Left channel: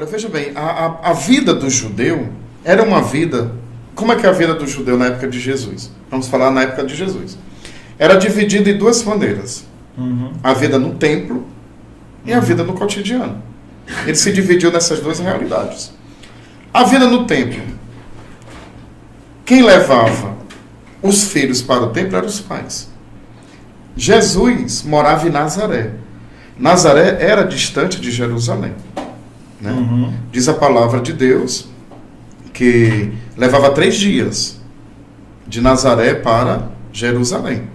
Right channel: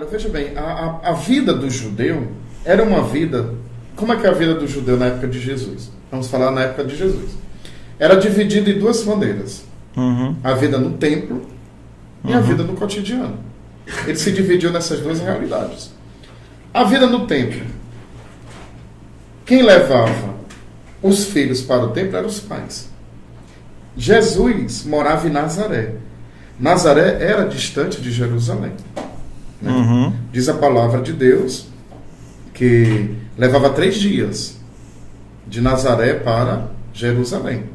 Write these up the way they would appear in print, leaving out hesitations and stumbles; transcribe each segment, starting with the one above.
Olha, veja bem, a vida do judeu era uma vida... Como é que é a vida do judeu na época de Jesus? Vamos falar na época de Jesus. Era dividida em duas maneiras. A vida no templo e a vida no cotidiano. Ele se dividiu nessas duas realidades. A vida no templo. Quem levava os filhos para o templo eram os pais. Jesus morava em Nazaré. Nazaré era distante de Jerusalém. Né? Diz a palavra de Deus que levava 3 dias de Nazaré para Jerusalém.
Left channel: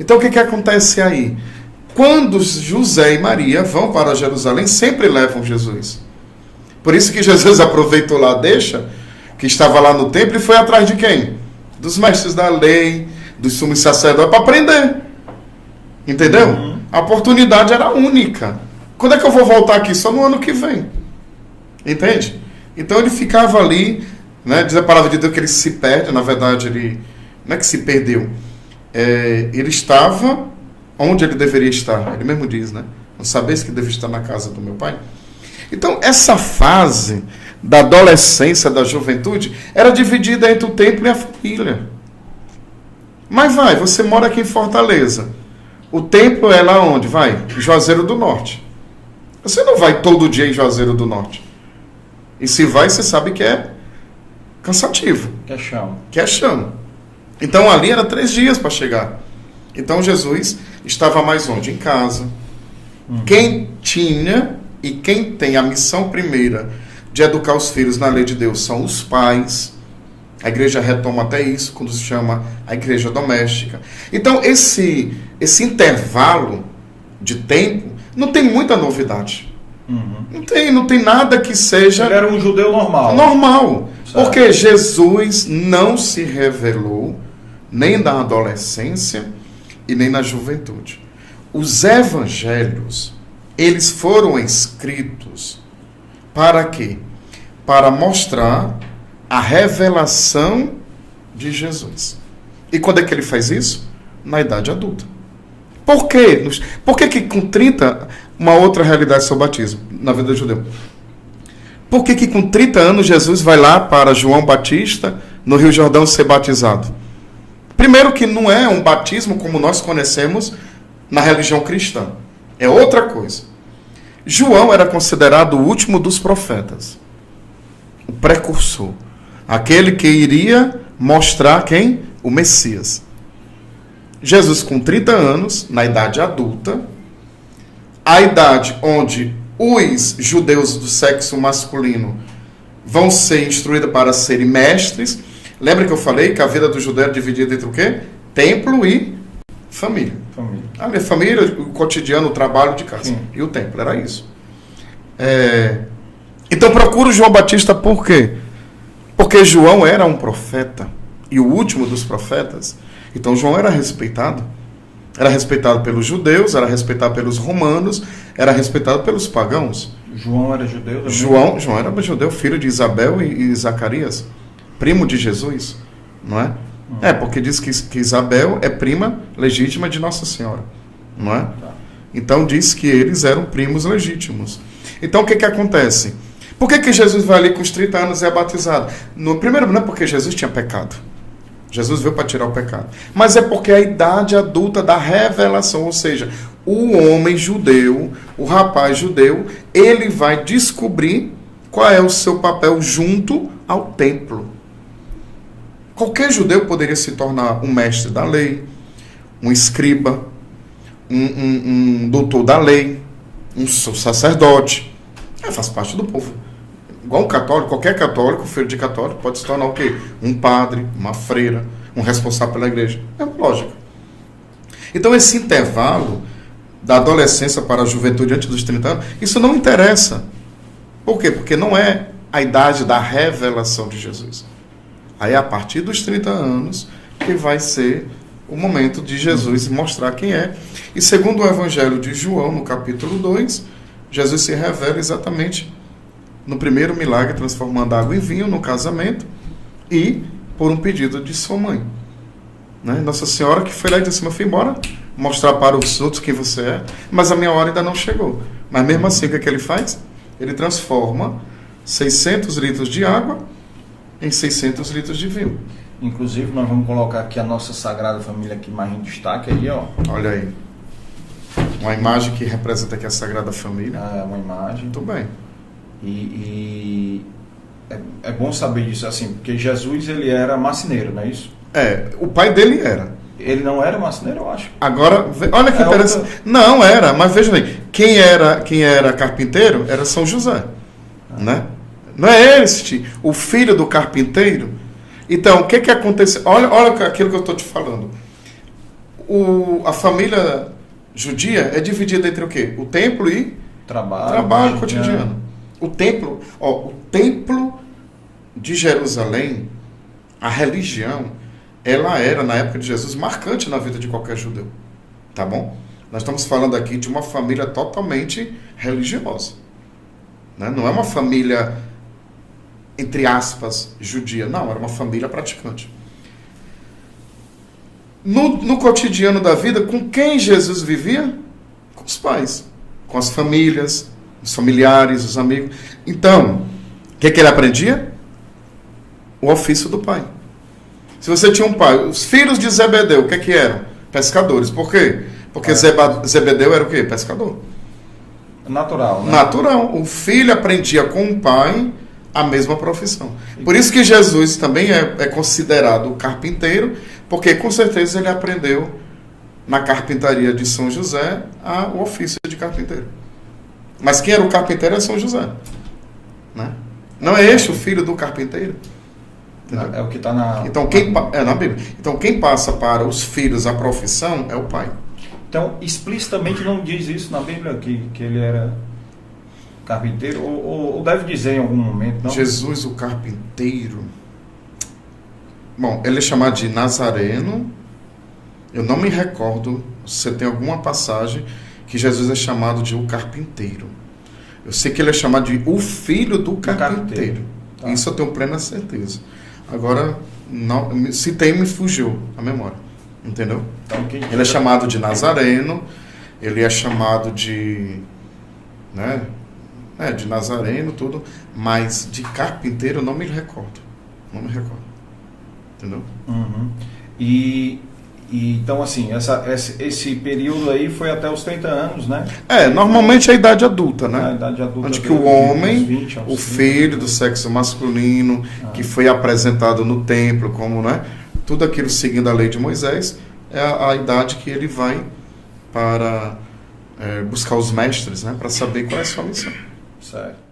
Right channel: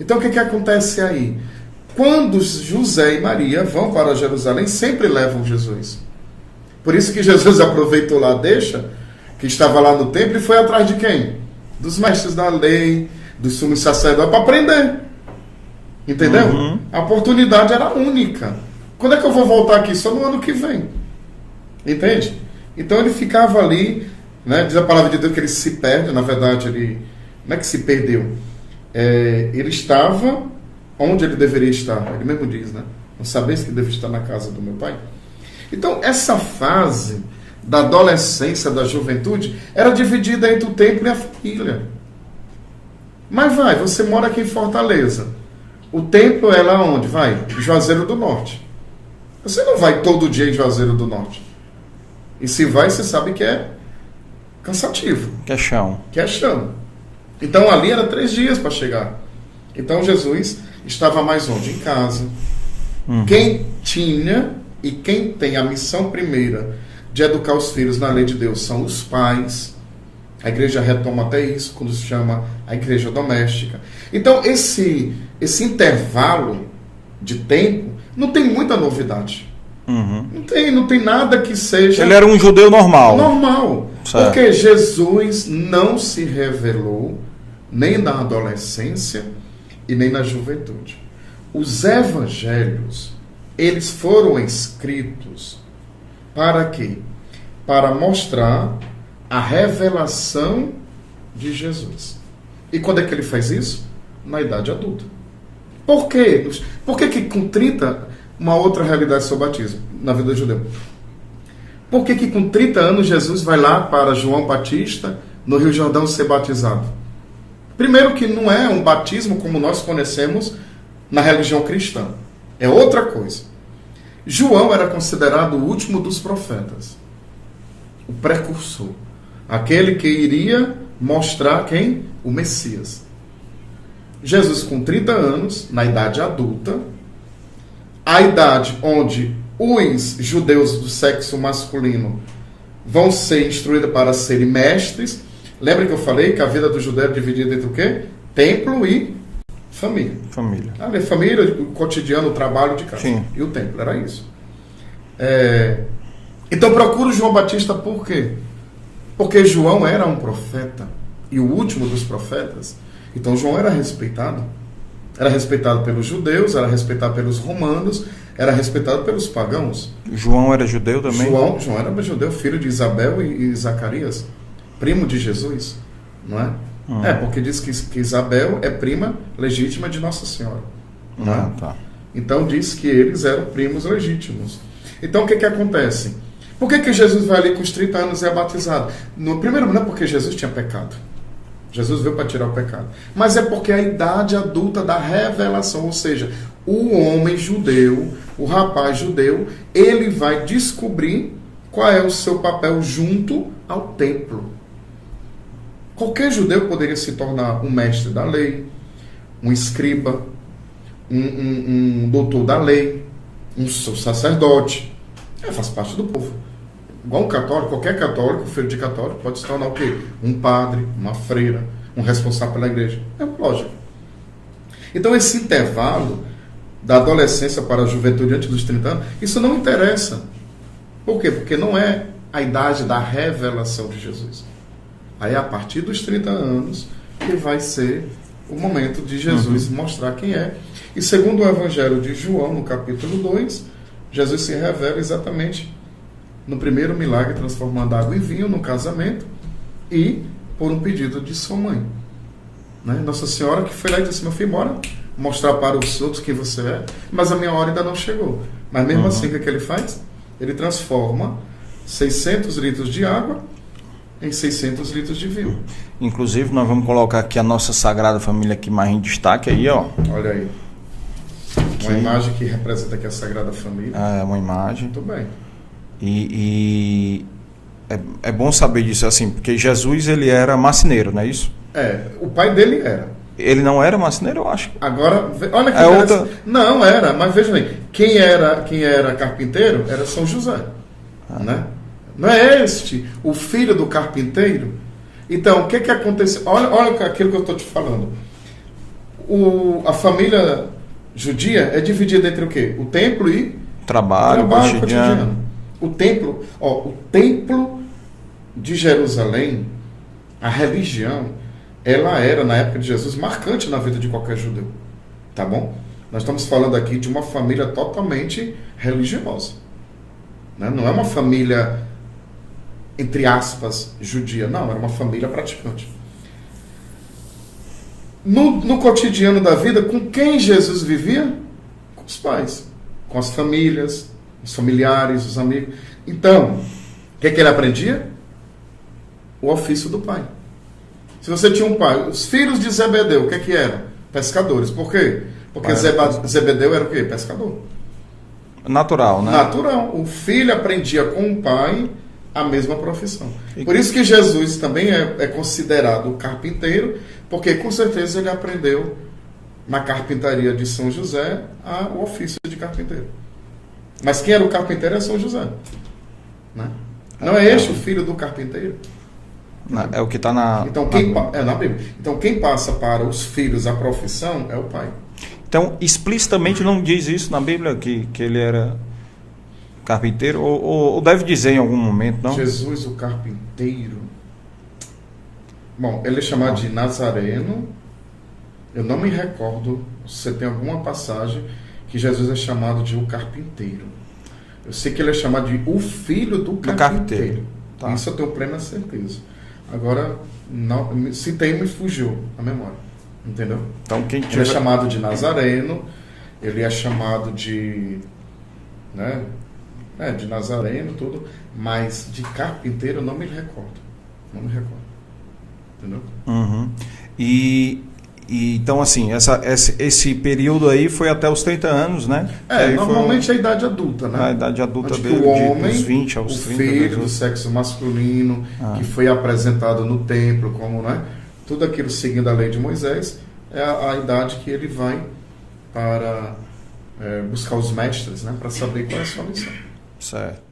Então o que acontece aí? Quando José e Maria vão para Jerusalém, sempre levam Jesus. Por isso que Jesus aproveitou lá a deixa, que estava lá no templo, e foi atrás de quem? Dos mestres da lei, dos sumos sacerdotes, para aprender. Entendeu? A oportunidade era única. Quando é que eu vou voltar aqui? Só no ano que vem. Entende? Então ele ficava ali, né? Diz a palavra de Deus que ele se perde, na verdade ele não é que se perdeu. Ele estava onde ele deveria estar. Ele mesmo diz, né? Não sabeis que devo estar na casa do meu pai. Então essa fase da adolescência, da juventude, era dividida entre o templo e a família. Mas você mora aqui em Fortaleza. O templo é lá onde? Juazeiro do Norte. Você não vai todo dia em Juazeiro do Norte. E se vai, você sabe que é cansativo. Que é chão. Que é chão. Então ali era 3 dias para chegar. Então Jesus estava mais onde? Em casa. Quem tinha e quem tem a missão primeira de educar os filhos na lei de Deus são os pais. A igreja retoma até isso, quando se chama a igreja doméstica. Então, esse intervalo de tempo não tem muita novidade. Não tem nada que seja... Ele era um judeu normal. Normal. Certo. Porque Jesus não se revelou nem na adolescência e nem na juventude. Os evangelhos, eles foram escritos para quê? Para mostrar a revelação de Jesus. E quando é que ele faz isso? Na idade adulta. Por quê? Por que com 30, uma outra realidade sobre o batismo na vida do judeu? Por que com 30 anos Jesus vai lá para João Batista, no Rio Jordão, ser batizado? Primeiro que não é um batismo como nós conhecemos na religião cristã. É outra coisa. João era considerado o último dos profetas. O precursor. Aquele que iria mostrar quem? O Messias. Jesus com 30 anos, na idade adulta, a idade onde os judeus do sexo masculino vão ser instruídos para serem mestres. Lembra que eu falei que a vida do judeu é dividida entre o quê? Templo e família. A família, o cotidiano, o trabalho de casa. Sim. E o templo, era isso. Então procura o João Batista por quê? Porque João era um profeta, e o último dos profetas. Então João era respeitado. Era respeitado pelos judeus, era respeitado pelos romanos, era respeitado pelos pagãos. João era judeu também? João era judeu, filho de Isabel e Zacarias, primo de Jesus, não é? Porque diz que Isabel é prima legítima de Nossa Senhora, não é? Tá. Então diz que eles eram primos legítimos. Então o que acontece? Por que Jesus vai ali com os 30 anos e é batizado? Primeiro, não é porque Jesus tinha pecado. Jesus veio para tirar o pecado. Mas é porque a idade adulta da revelação, ou seja, o homem judeu, o rapaz judeu, ele vai descobrir qual é o seu papel junto ao templo. Qualquer judeu poderia se tornar um mestre da lei, um escriba, um doutor da lei, um sacerdote. Faz parte do povo. Igual um católico, qualquer católico, filho de católico, pode se tornar o quê? Um padre, uma freira, um responsável pela igreja. É lógico. Então esse intervalo da adolescência para a juventude antes dos 30 anos, isso não interessa. Por quê? Porque não é a idade da revelação de Jesus. Aí a partir dos 30 anos que vai ser o momento de Jesus mostrar quem é. E segundo o Evangelho de João, no capítulo 2, Jesus se revela exatamente no primeiro milagre, transformando água em vinho no casamento e por um pedido de sua mãe. Né? Nossa Senhora que foi lá e disse: meu filho, bora mostrar para os outros quem você é, mas a minha hora ainda não chegou. Mas mesmo assim, o que ele faz? Ele transforma 600 litros de água em 600 litros de vinho. Inclusive, nós vamos colocar aqui a nossa Sagrada Família aqui mais em destaque aí, ó. Olha aí. Uma imagem que representa aqui a Sagrada Família. É uma imagem. Muito bem. E é bom saber disso, assim, porque Jesus, ele era marceneiro, não é isso? O pai dele era. Ele não era marceneiro, eu acho. Agora, olha que interessante. Não era, mas veja bem, quem era carpinteiro era São José, né? Não é este o filho do carpinteiro? Então, o que aconteceu? Olha aquilo que eu estou te falando. A família judia é dividida entre o quê? O templo e trabalho cotidiano. O templo de Jerusalém, a religião, ela era, na época de Jesus, marcante na vida de qualquer judeu. Tá bom? Nós estamos falando aqui de uma família totalmente religiosa. Né? Não é uma família, entre aspas, judia. Não, era uma família praticante. No cotidiano da vida, com quem Jesus vivia? Com os pais, com as famílias, os familiares, os amigos. Então, o que ele aprendia? O ofício do pai. Se você tinha um pai, os filhos de Zebedeu, o que eram? Pescadores. Por quê? Porque Zebedeu era o quê? Pescador. Natural, né? Natural. O filho aprendia com o pai a mesma profissão. Por isso que Jesus também é considerado carpinteiro, porque com certeza ele aprendeu na carpintaria de São José o ofício de carpinteiro. Mas quem era o carpinteiro é São José. Né? Não é este o filho do carpinteiro? É o que está na Bíblia. Então, quem passa para os filhos a profissão é o pai. Então, explicitamente não diz isso na Bíblia, que ele era carpinteiro? Ou deve dizer em algum momento, não? Jesus, o carpinteiro. Bom, ele é chamado de Nazareno. Eu não me recordo se você tem alguma passagem que Jesus é chamado de o carpinteiro. Eu sei que ele é chamado de o filho do carpinteiro. Tá. Isso eu tenho plena certeza. Agora, não, se tem, me fugiu a memória. Entendeu? Então, ele é chamado de Nazareno, ele é chamado de... Né? De Nazareno, tudo, mas de carpinteiro eu não me recordo. Não me recordo. Entendeu? Uhum. E então, assim, esse período aí foi até os 30 anos, né? Normalmente é a idade adulta, né? A idade adulta. Onde que o homem, 20 aos 30, filho do sexo masculino, que foi apresentado no templo, como, né? Tudo aquilo seguindo a lei de Moisés, é a idade que ele vai para buscar os mestres, né? Para saber qual é a sua missão. Certo.